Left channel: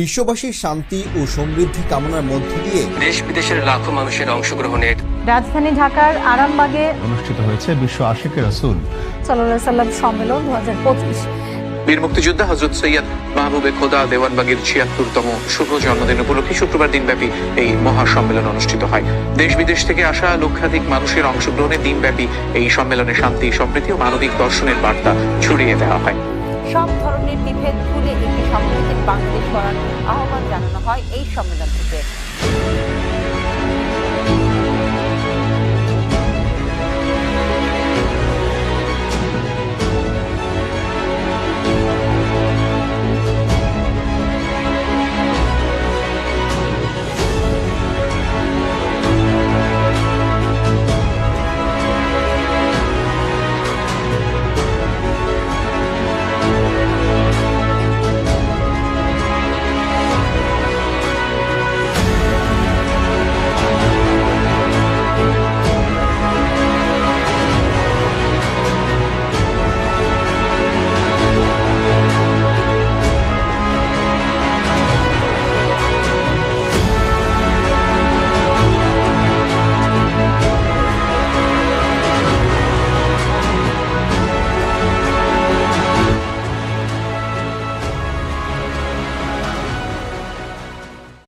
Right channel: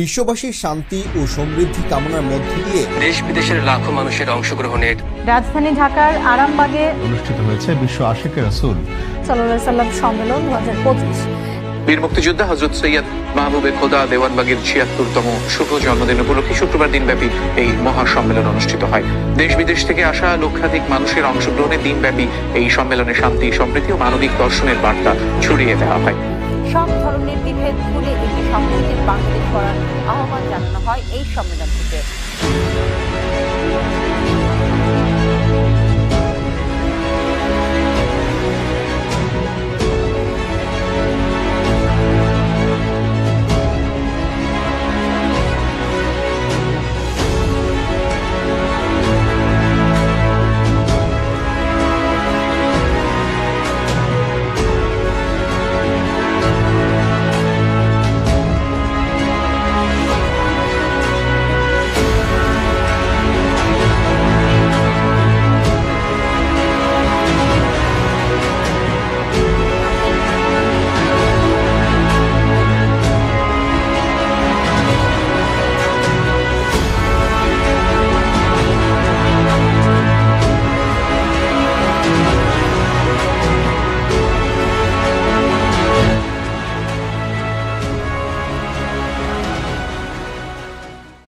বিশ্ববাসীর শান্তি ও সমৃদ্ধি কামনার মধ্য দিয়ে দেশ বিদেশের লাখো মানুষের অংশগ্রহণের রাজধানী ঢাকার আরামবাগে অনুষ্ঠিত হয়েছে বিশ্ব আশিকের রাসূল সাল্লাল্লাহু আলাইহি সাল্লাম সম্মেলন 2025। বীর মুক্তিযোদ্ধা হযরত সৈয়দ মাহবুবে খোদা দেওয়ানবাগীর ৭৬তম শুভ জন্মদিন উপলক্ষে শুক্রবার দিনব্যাপী এই মহা সম্মেলন অনুষ্ঠিত হয়। দেশ বিদেশ থেকে আসা লক্ষাধিক মানুষের অংশগ্রহণে দিনব্যাপী এই সম্মেলনে শান্তি, সম্প্রীতি ও মানবিক দর্শনের বার্তা ছড়িয়ে দেওয়া হয়। সব ধরনের বিভেদ ভুলে একটি সম্প্রীতির বাংলাদেশ গড়ার আহ্বান জানানো হয় এই সম্মেলন থেকে।